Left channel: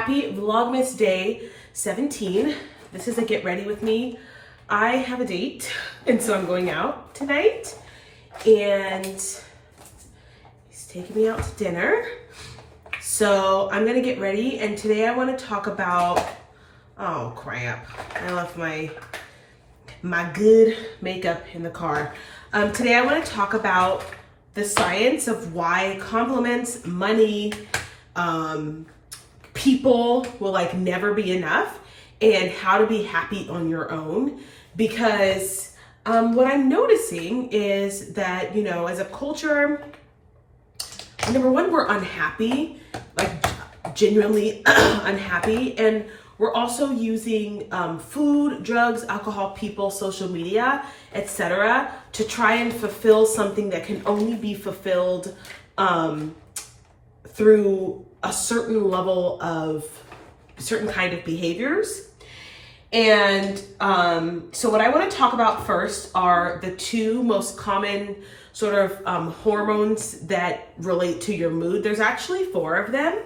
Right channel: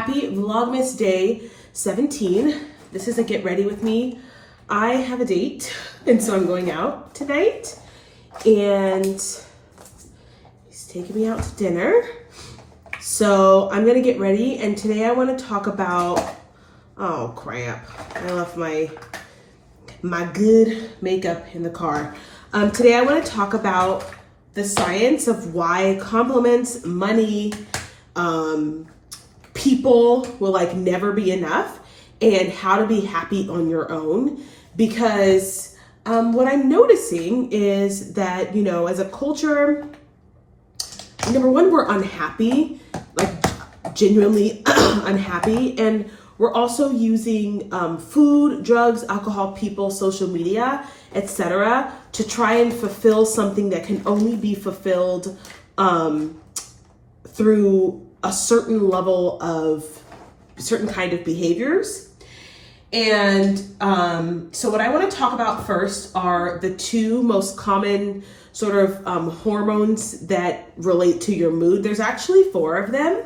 Happy Vlogmas Day 17. This is a get ready with me. I have a date, and so I'm going out tonight, and he's taking me out to dinner. So I'm gonna get ready, and today I wanna talk about, oh crap, I left my good makeup in the car. Today I wanna talk about the science of why compliments, money, people will like never be enough, and how to be happy on your own. Because what I'm noticing is that, you know, as a culture, number one, we're unhappy, like genuinely unhappy, and we're also using food, drugs, alcohol, people, social media, etc., to try and fulfill something that can only be fulfilled through a certain level of certain kind of behaviors. And so what I want to talk about first are the two most common sort of hormones that relate to your mood. There's actually 4 of them.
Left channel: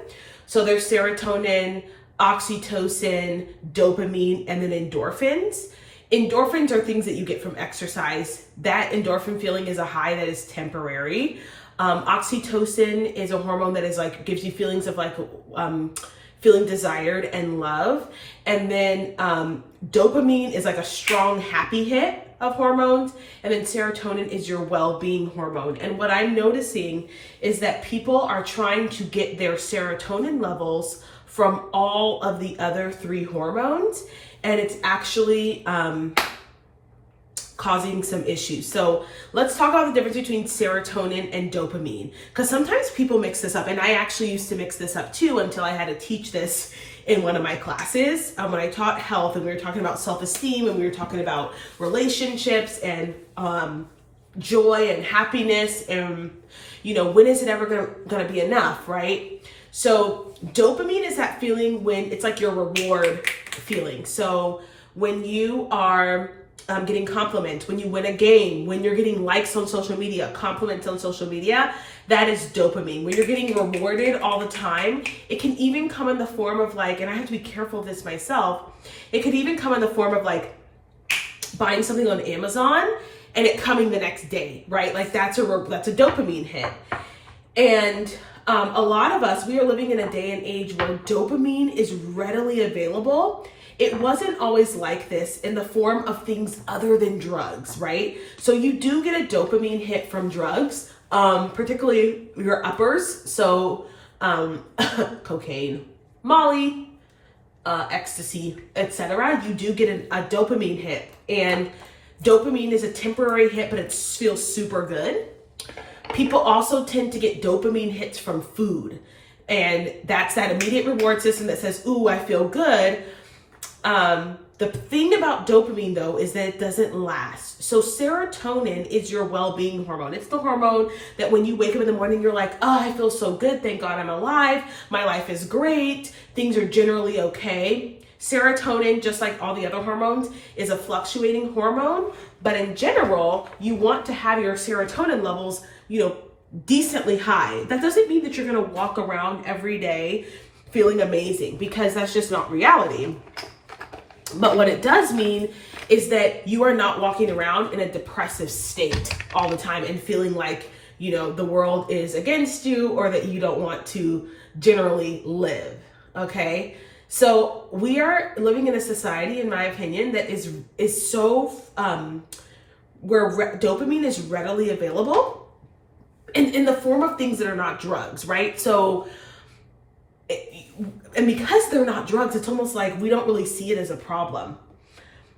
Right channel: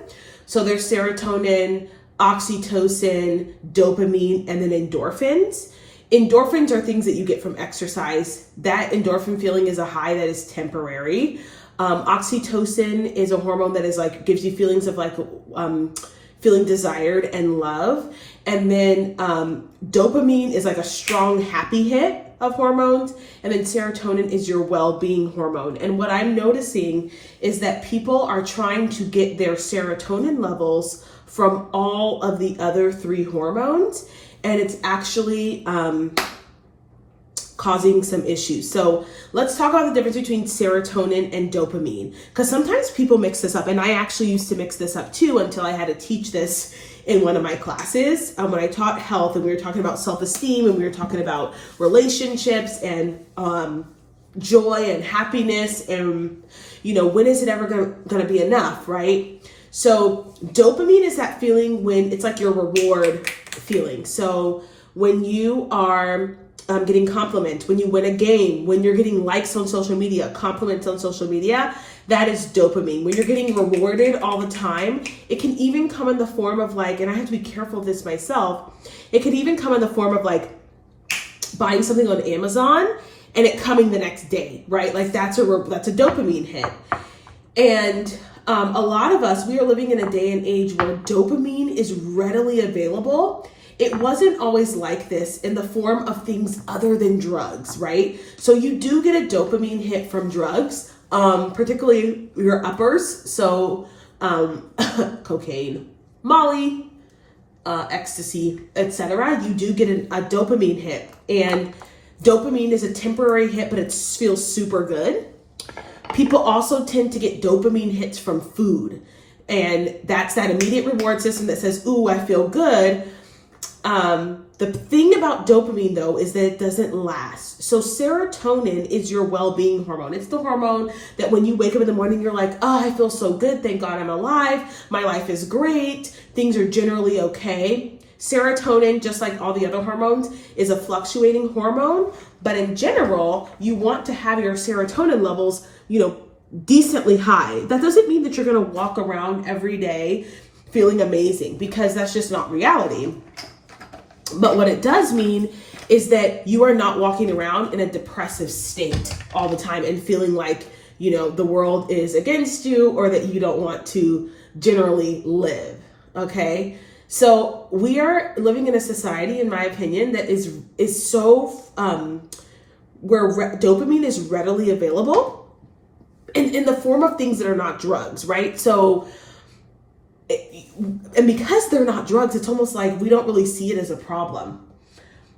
So there's serotonin, oxytocin, dopamine, and then endorphins. Endorphins are things that you get from exercise. That endorphin feeling is a high that is temporary. Oxytocin is a hormone that is like, gives you feelings of like feeling desired and love. And then dopamine is like a strong happy hit of hormones. And then serotonin is your well-being hormone. And what I'm noticing is that people are trying to get their serotonin levels from all of the other 3 hormones. And it's actually causing some issues. So let's talk about the difference between serotonin and dopamine, because sometimes people mix this up, and I actually used to mix this up too until I had to teach this in one of my classes when I taught health, and we were talking about self-esteem, and we were talking about relationships and joy and happiness, and you know, when is it ever gonna be enough, right? So dopamine is that feeling when it's like your reward feeling. So when you are getting compliments, when you win a game, when you're getting likes on social media, compliments on social media, that is dopamine. When you're getting rewarded all the time, it can even come in the form of like, and I have to be careful of this myself, it could even come in the form of like buying something on Amazon and it coming the next day, right? Like that's a dopamine hit. And a lot of us, we are living in a day and age where dopamine is readily available. It wasn't always like this in the form of things other than drugs, right? So you do get a dopamine hit from drugs, particularly your uppers. So cocaine, Molly, ecstasy, etc. You do get a dopamine hit, and dopamine is a temporary hit, but it feels super good. People also tend to get dopamine hits from food, and that's that immediate reward system that says, ooh, I feel good. The thing about dopamine though is that it doesn't last. So serotonin is your well-being hormone. It's the hormone that when you wake up in the morning, you're like, oh, I feel so good. Thank God I'm alive. My life is great. Things are generally okay. Serotonin, just like all the other hormones, is a fluctuating hormone. But in general, you want to have your serotonin levels, you know, decently high. That doesn't mean that you're going to walk around every day feeling amazing, because that's just not reality. But what it does mean is that you are not walking around in a depressive state all the time and feeling like, you know, the world is against you, or that you don't want to generally live, okay? So we are living in a society, in my opinion, that is so, where dopamine is readily available in the form of things that are not drugs, right? So, and because they're not drugs, it's almost like we don't really see it as a problem.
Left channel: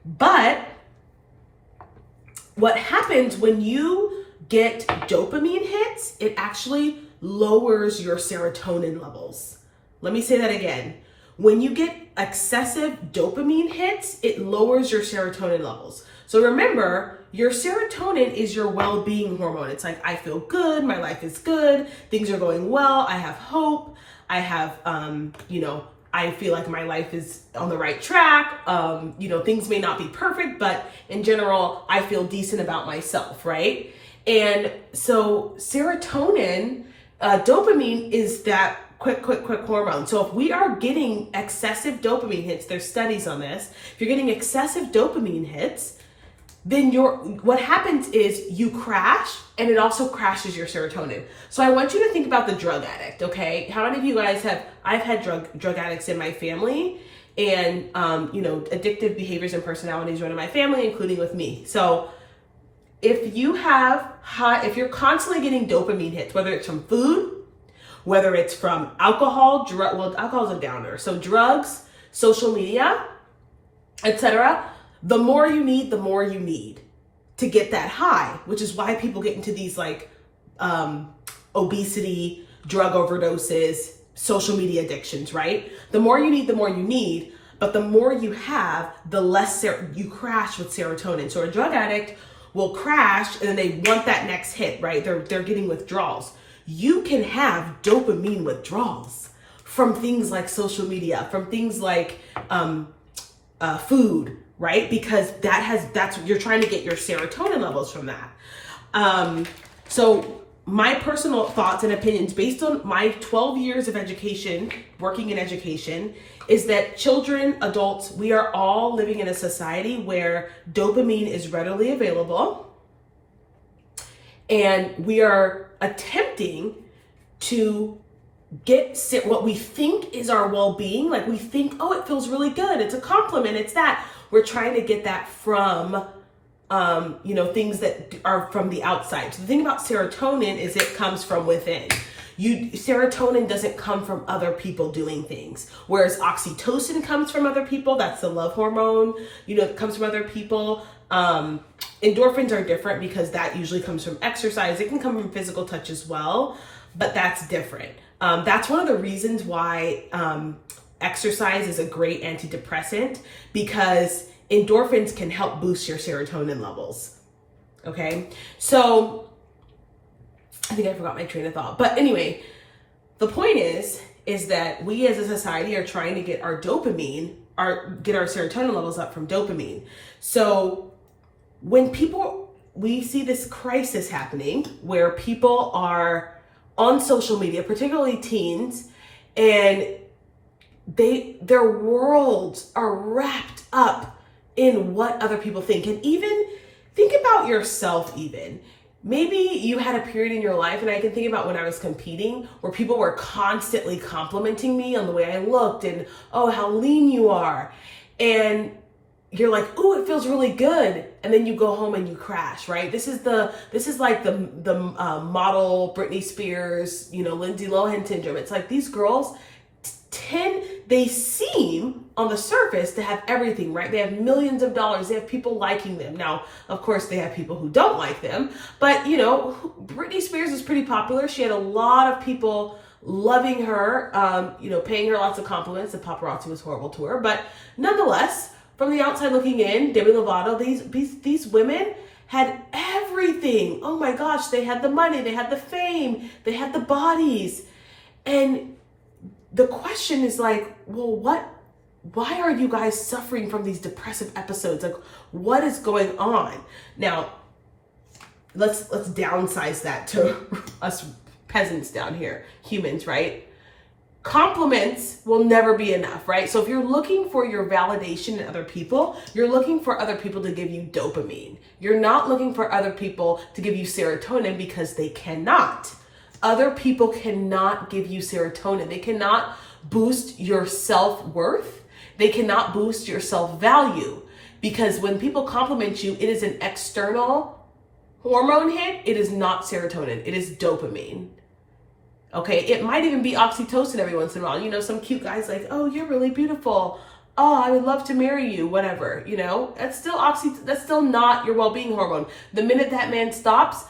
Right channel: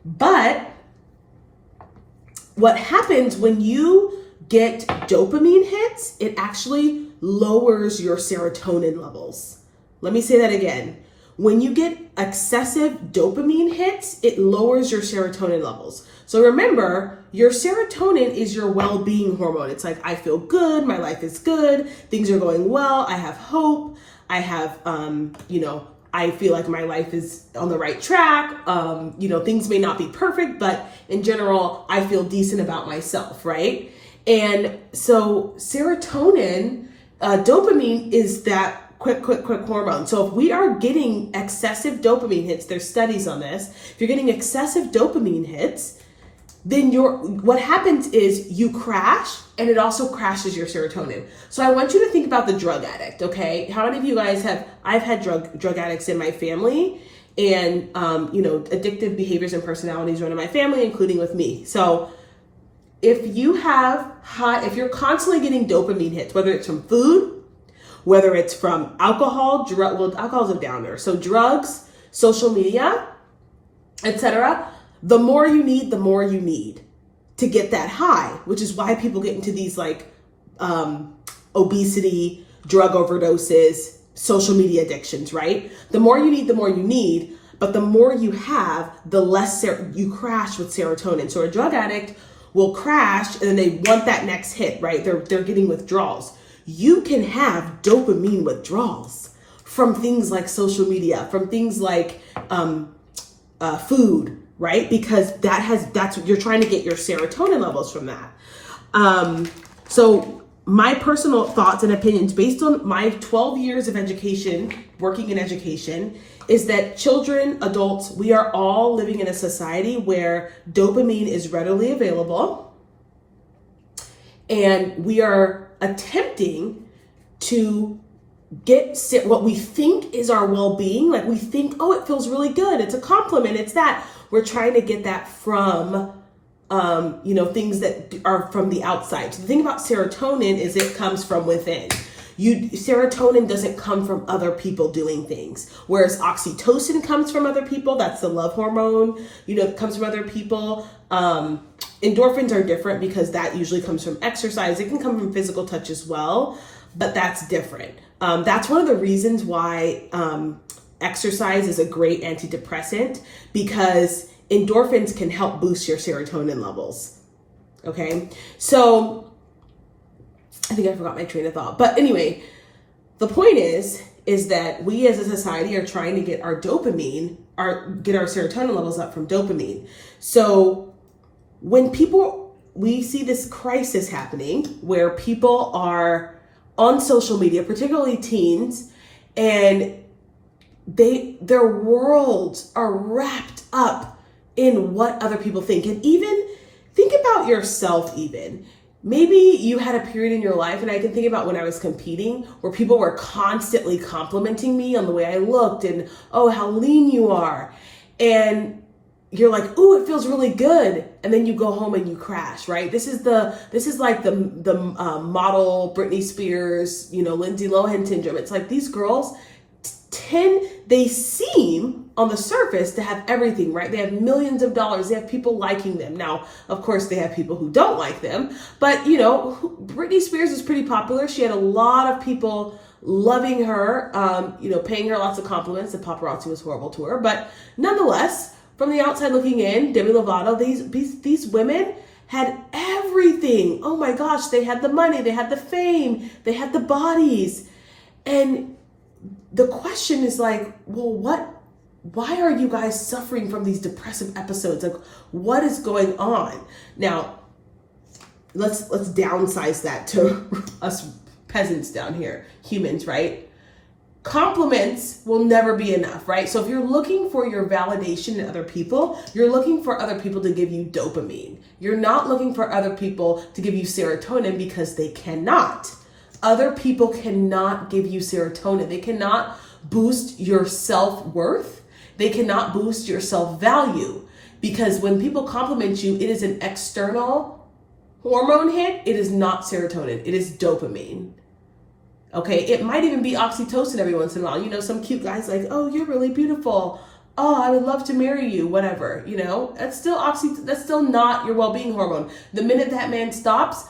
But what happens when you get dopamine hits, it actually lowers your serotonin levels. Let me say that again. When you get excessive dopamine hits, it lowers your serotonin levels. So remember, your serotonin is your well-being hormone. It's like, I feel good, my life is good, things are going well, I have hope, I have, you know, I feel like my life is on the right track. You know, things may not be perfect, but in general, I feel decent about myself, right? And so serotonin, dopamine is that quick hormone. So if we are getting excessive dopamine hits, there's studies on this. If you're getting excessive dopamine hits, then what happens is you crash, and it also crashes your serotonin. So I want you to think about the drug addict, okay? How many of you guys I've had drug addicts in my family, and addictive behaviors and personalities run in my family, including with me. So if you're constantly getting dopamine hits, whether it's from food, whether it's from alcohol, alcohol's a downer. So drugs, social media, etc. The more you need to get that high, which is why people get into these obesity, drug overdoses, social media addictions, right? The more you need, but the more you have, the less you crash with serotonin. So a drug addict will crash, and then they want that next hit, right? They're getting withdrawals. You can have dopamine withdrawals from things like social media, from things like food, right? Because you're trying to get your serotonin levels from that. So my personal thoughts and opinions based on my 12 years of education, working in education, is that children, adults, we are all living in a society where dopamine is readily available, and we are attempting to get what we think is our well-being. Like we think, oh, it feels really good. It's a compliment. It's that. We're trying to get that from, things that are from the outside. So the thing about serotonin is it comes from within. Serotonin doesn't come from other people doing things. Whereas oxytocin comes from other people. That's the love hormone, that comes from other people. Endorphins are different because that usually comes from exercise. It can come from physical touch as well, but that's different. That's one of the reasons why exercise is a great antidepressant, because endorphins can help boost your serotonin levels. Okay, so I think I forgot my train of thought. But anyway, the point is that we as a society are trying to get our dopamine, get our serotonin levels up from dopamine. So when we see this crisis happening where people are on social media, particularly teens, and their worlds are wrapped up in what other people think. And even think about yourself even. Maybe you had a period in your life, and I can think about when I was competing, where people were constantly complimenting me on the way I looked and, oh, how lean you are. And you're like, ooh, it feels really good. And then you go home and you crash, right? This is like the model Britney Spears, Lindsay Lohan syndrome. It's like these girls they seem on the surface to have everything, right? They have millions of dollars. They have people liking them. Now, of course, they have people who don't like them, but Britney Spears is pretty popular. She had a lot of people loving her, paying her lots of compliments. The paparazzi was horrible to her, but nonetheless, from the outside looking in, Demi Lovato, these women had everything. Oh my gosh, they had the money, they had the fame, they had the bodies. And the question is like, well, why are you guys suffering from these depressive episodes? Like, what is going on? Now, let's downsize that to us peasants down here, humans, right? Compliments will never be enough, right? So if you're looking for your validation in other people, you're looking for other people to give you dopamine. You're not looking for other people to give you serotonin, because they cannot. Other people cannot give you serotonin. They cannot boost your self-worth. They cannot boost your self-value, because when people compliment you, it is an external hormone hit. It is not serotonin. It is dopamine. Okay, it might even be oxytocin every once in a while. Some cute guy's like, oh, you're really beautiful. Oh, I would love to marry you, whatever. That's still that's still not your well-being hormone. The minute that man stops,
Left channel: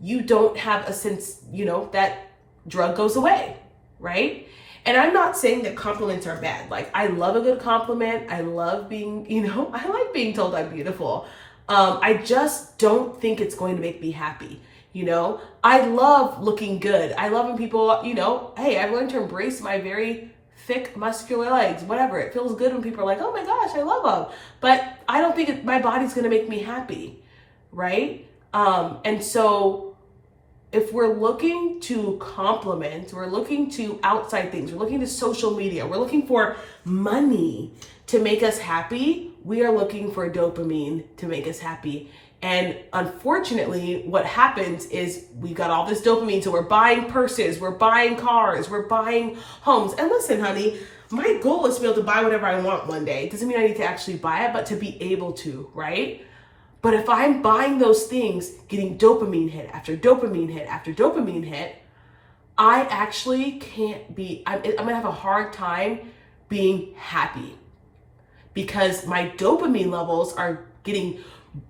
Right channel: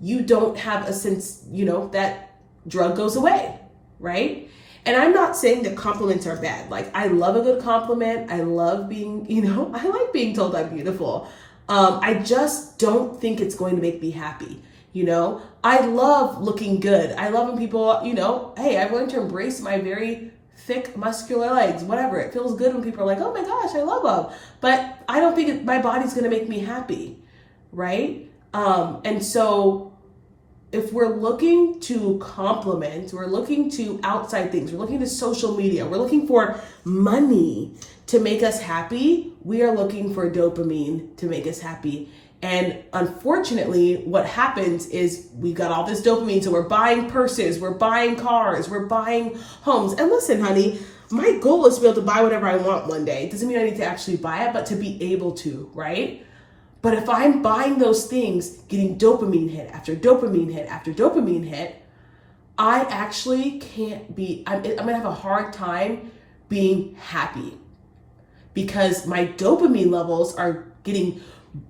you don't have a sense, that drug goes away, right? And I'm not saying that compliments are bad. Like, I love a good compliment. I love being, I like being told I'm beautiful. I just don't think it's going to make me happy. I love looking good. I love when people, hey, I've learned to embrace my very thick, muscular legs, whatever. It feels good when people are like, oh my gosh, I love them. But I don't think my body's going to make me happy, right? And so if we're looking to compliment, we're looking to outside things, we're looking to social media, we're looking for money to make us happy, we are looking for dopamine to make us happy. And unfortunately, what happens is we got all this dopamine, so we're buying purses, we're buying cars, we're buying homes. And listen, honey, my goal is to be able to buy whatever I want one day. It doesn't mean I need to actually buy it, but to be able to, right? But if I'm buying those things, getting dopamine hit after dopamine hit after dopamine hit, I actually can't be, I'm gonna have a hard time being happy because my dopamine levels are getting,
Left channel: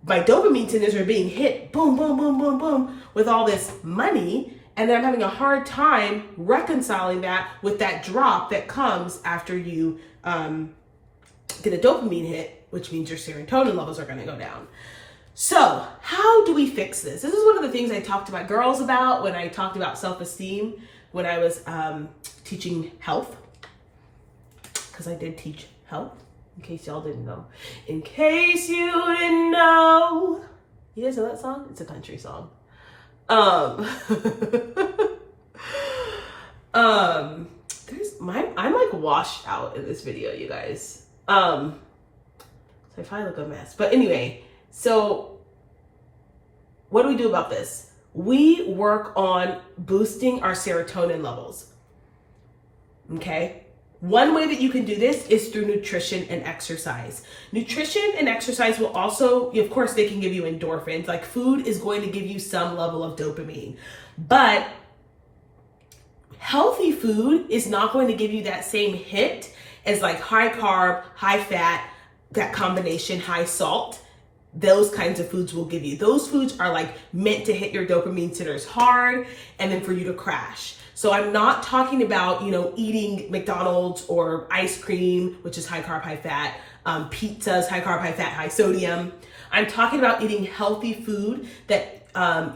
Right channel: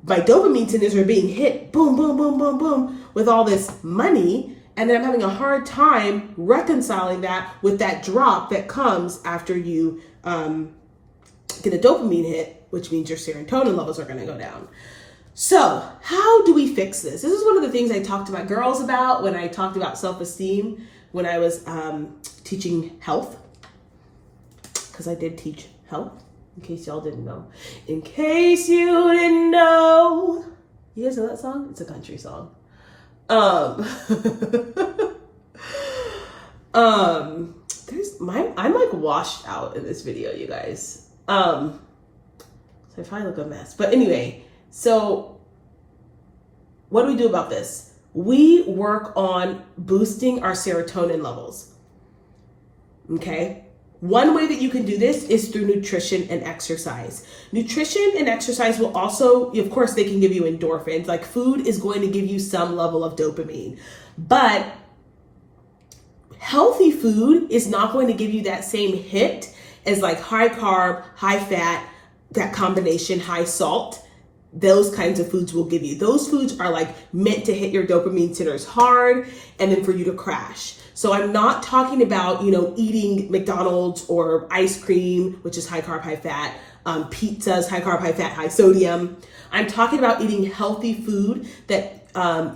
my dopamine centers are being hit, boom, boom, boom, boom, boom, with all this money. And then I'm having a hard time reconciling that with that drop that comes after you get a dopamine hit, which means your serotonin levels are gonna go down. So how do we fix this? This is one of the things I talked to my girls about when I talked about self-esteem when I was teaching health, because I did teach health, in case y'all didn't know. In case you didn't know. You guys know that song? It's a country song. I'm like washed out in this video, you guys. So I probably look a mess. But anyway, so what do we do about this? We work on boosting our serotonin levels. Okay? One way that you can do this is through nutrition and exercise. Nutrition and exercise will also, of course, they can give you endorphins. Like food is going to give you some level of dopamine. But healthy food is not going to give you that same hit as like high carb, high fat, that combination, high salt. Those kinds of foods will give you. Those foods are like meant to hit your dopamine centers hard and then for you to crash. So I'm not talking about, eating McDonald's or ice cream, which is high carb, high fat, pizzas, high carb, high fat, high sodium. I'm talking about eating healthy food that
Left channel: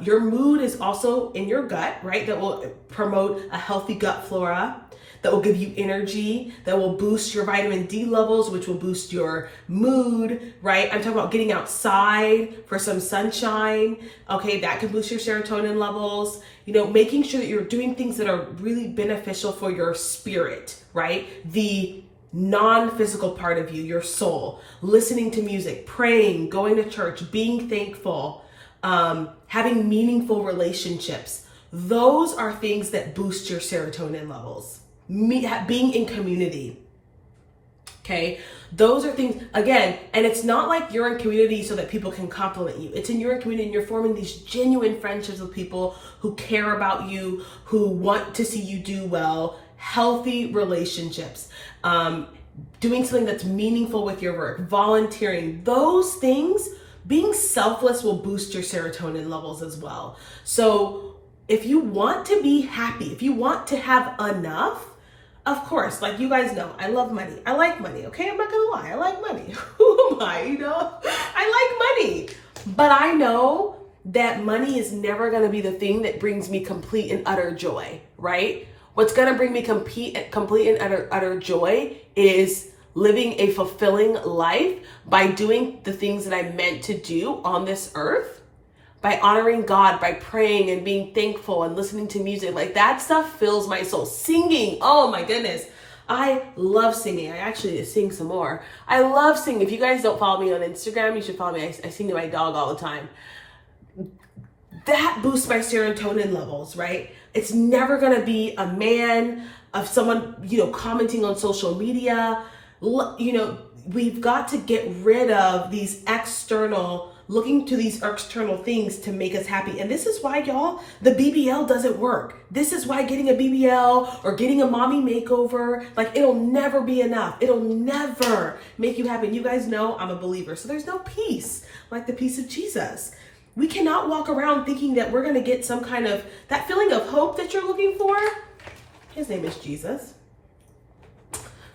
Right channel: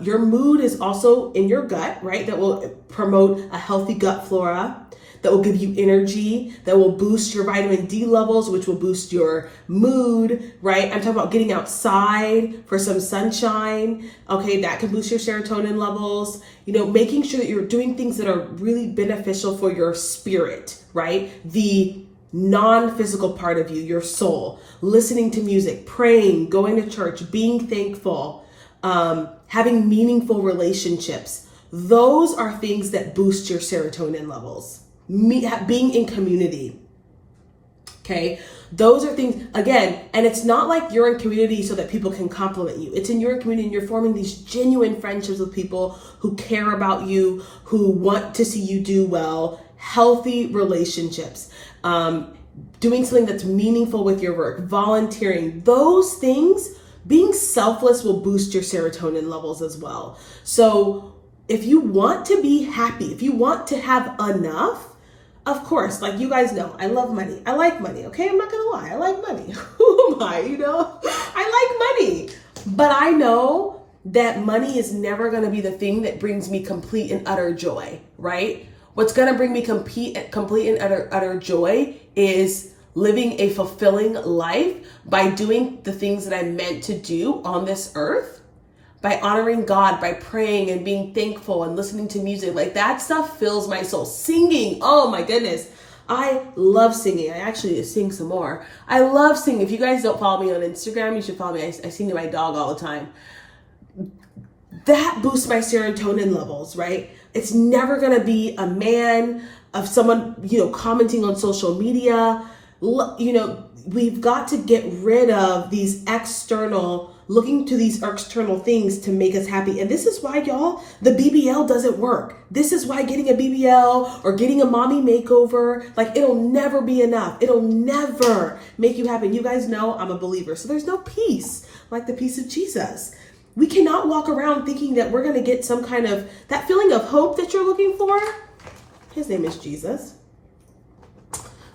your mood is also in your gut, right? That will promote a healthy gut flora, that will give you energy, that will boost your vitamin D levels, which will boost your mood, right? I'm talking about getting outside for some sunshine. Okay, that can boost your serotonin levels. Making sure that you're doing things that are really beneficial for your spirit, right? The non-physical part of you, your soul, listening to music, praying, going to church, being thankful, having meaningful relationships. Those are things that boost your serotonin levels. Being in community. Okay, those are things, again, and it's not like you're in community so that people can compliment you. It's you're in community and you're forming these genuine friendships with people who care about you, who want to see you do well, healthy relationships, doing something that's meaningful with your work, volunteering, those things, being selfless will boost your serotonin levels as well. So if you want to be happy, if you want to have enough, of course, like you guys know, I love money. I like money, okay? I'm not gonna lie, I like money. Who am I, I like money. But I know that money is never gonna be the thing that brings me complete and utter joy, right? What's gonna bring me complete and utter joy is living a fulfilling life by doing the things that I'm meant to do on this earth, by honoring God, by praying and being thankful and listening to music. Like that stuff fills my soul. Singing, oh my goodness. I love singing. I actually sing some more. I love singing. If you guys don't follow me on Instagram, you should follow me. I sing to my dog all the time. That boosts my serotonin levels, right? It's never gonna be a man, of someone, commenting on social media. We've got to get rid of these looking to these external things to make us happy. And this is why, y'all, the BBL doesn't work. This is why getting a BBL or getting a mommy makeover, like it'll never be enough. It'll never make you happy. And you guys know I'm a believer. So there's no peace like the peace of Jesus. We cannot walk around thinking that we're going to get some kind of, that feeling of hope that you're looking for. His name is Jesus.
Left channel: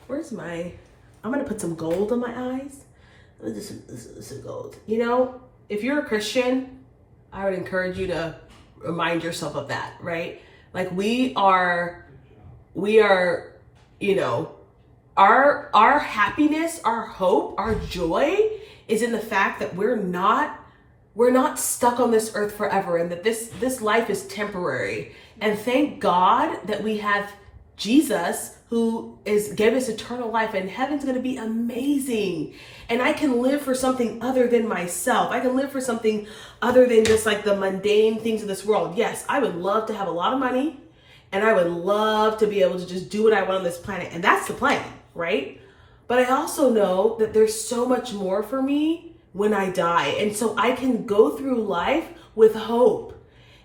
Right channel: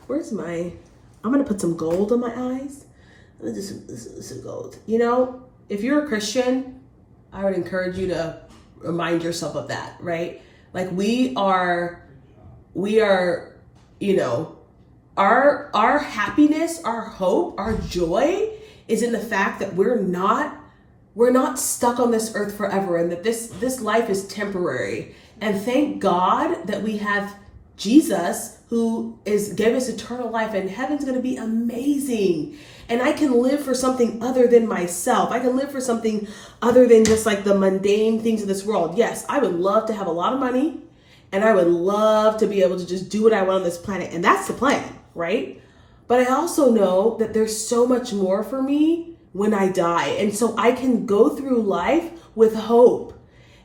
I'm going to put some gold on my eyes. This is gold. If you're a Christian, I would encourage you to remind yourself of that, right? Like we are, our happiness, our hope, our joy is in the fact that we're not we're not stuck on this earth forever, and that this life is temporary. And thank God that we have Jesus, who gave us eternal life, and heaven's going to be amazing. And I can live for something other than myself. I can live for something other than just like the mundane things of this world. Yes, I would love to have a lot of money, and I would love to be able to just do what I want on this planet. And that's the plan, right? But I also know that there's so much more for me when I die. And so I can go through life with hope.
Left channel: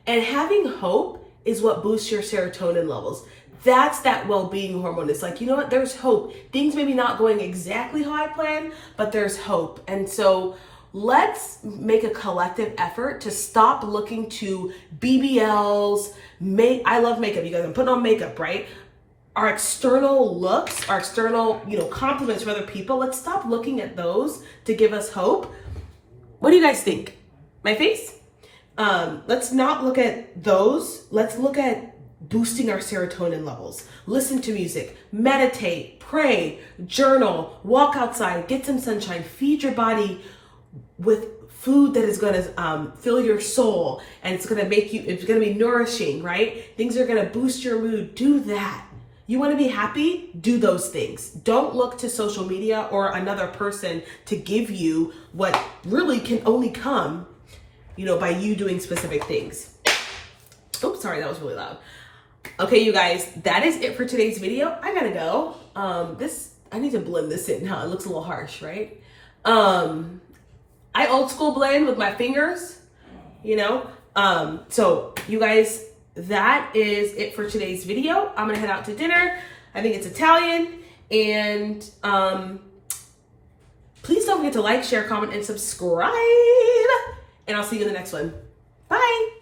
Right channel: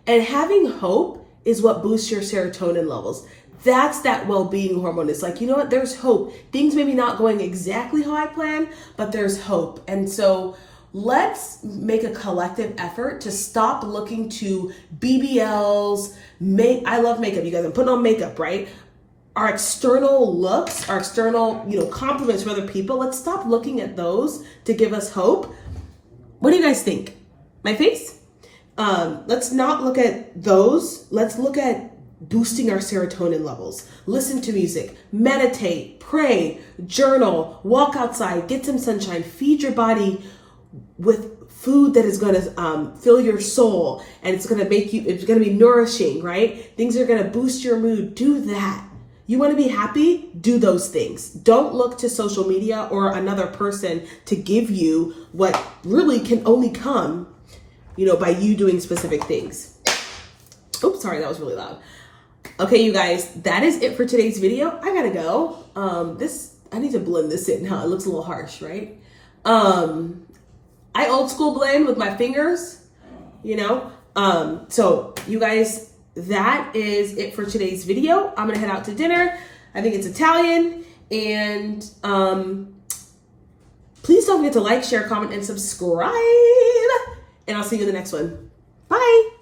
And having hope is what boosts your serotonin levels. That's that well-being hormone. It's like, you know what, there's hope. Things maybe not going exactly how I planned, but there's hope. And so let's make a collective effort to stop looking to BBLs. I love makeup, you guys. I'm putting on makeup, right? Our external looks, our external, compliments from other people. Let's stop looking at those to give us hope. What do you guys think? My face? Let's not look at those. Let's look at boosting our serotonin levels. Listen to music, meditate, pray, journal, walk outside, get some sunshine, feed your body with food that is going to fill your soul, and it's going to be nourishing, right? Things are going to boost your mood. Do that. You want to be happy? Do those things. Don't look to social media or another person to give you what really can only come, by you doing specific things. Oops, sorry, that was really loud. Okay, you guys, that is it for today's video. I gotta go. I need to blend this in now. It looks a little harsh, right? I old school blend with my fingers, So you guys, that is it for today's video. I'm gonna head out to dinner. I think it's Italian. And please don't forget to like, share, comment, and subscribe. And I'll see you in the next one. Bye.